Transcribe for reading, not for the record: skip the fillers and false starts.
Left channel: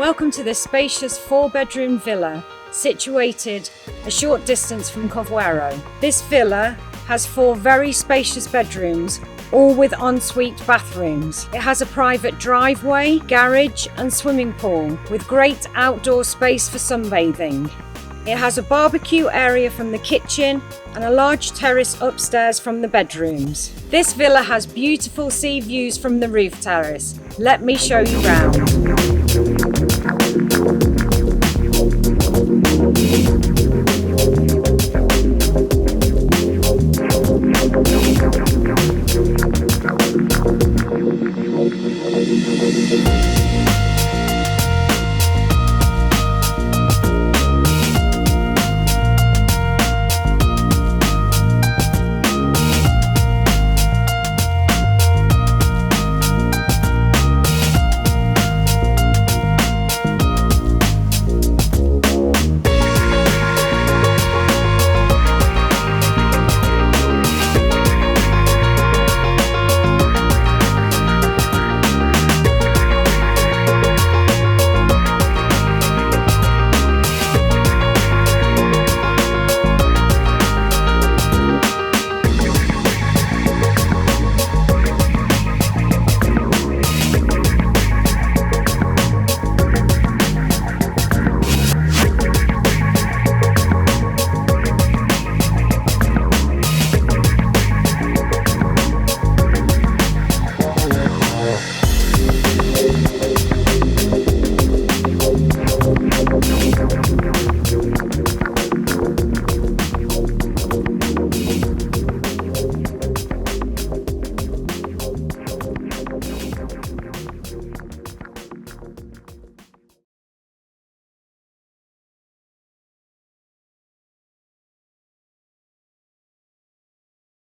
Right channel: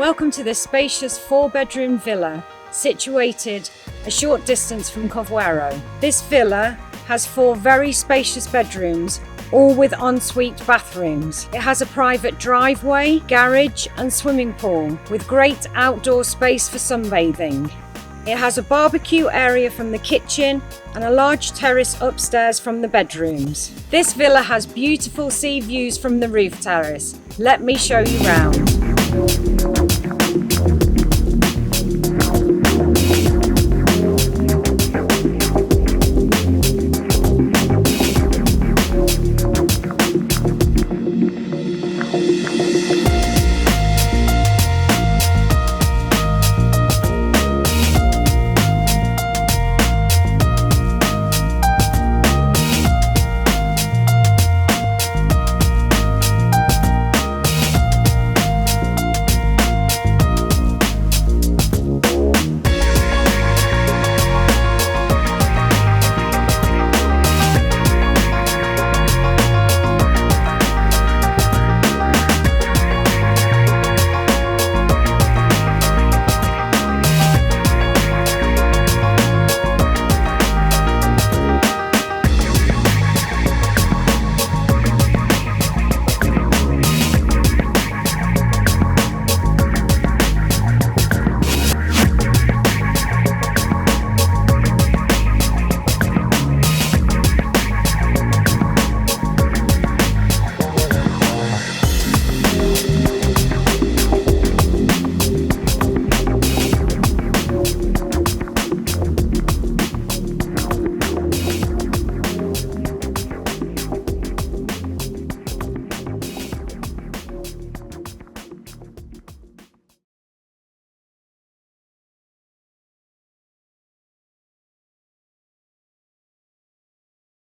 Welcome to this spacious 4-bedroom villa situated a short distance from Carvoeiro. This villa has 4 very spacious bedrooms, all with ensuite bathrooms. It has a private driveway, garage and swimming pool with great outdoor space for sunbathing. It has a barbecue area from the kitchen and a large terrace upstairs from the bedrooms. This villa has beautiful sea views from the roof terrace. Let me show you round.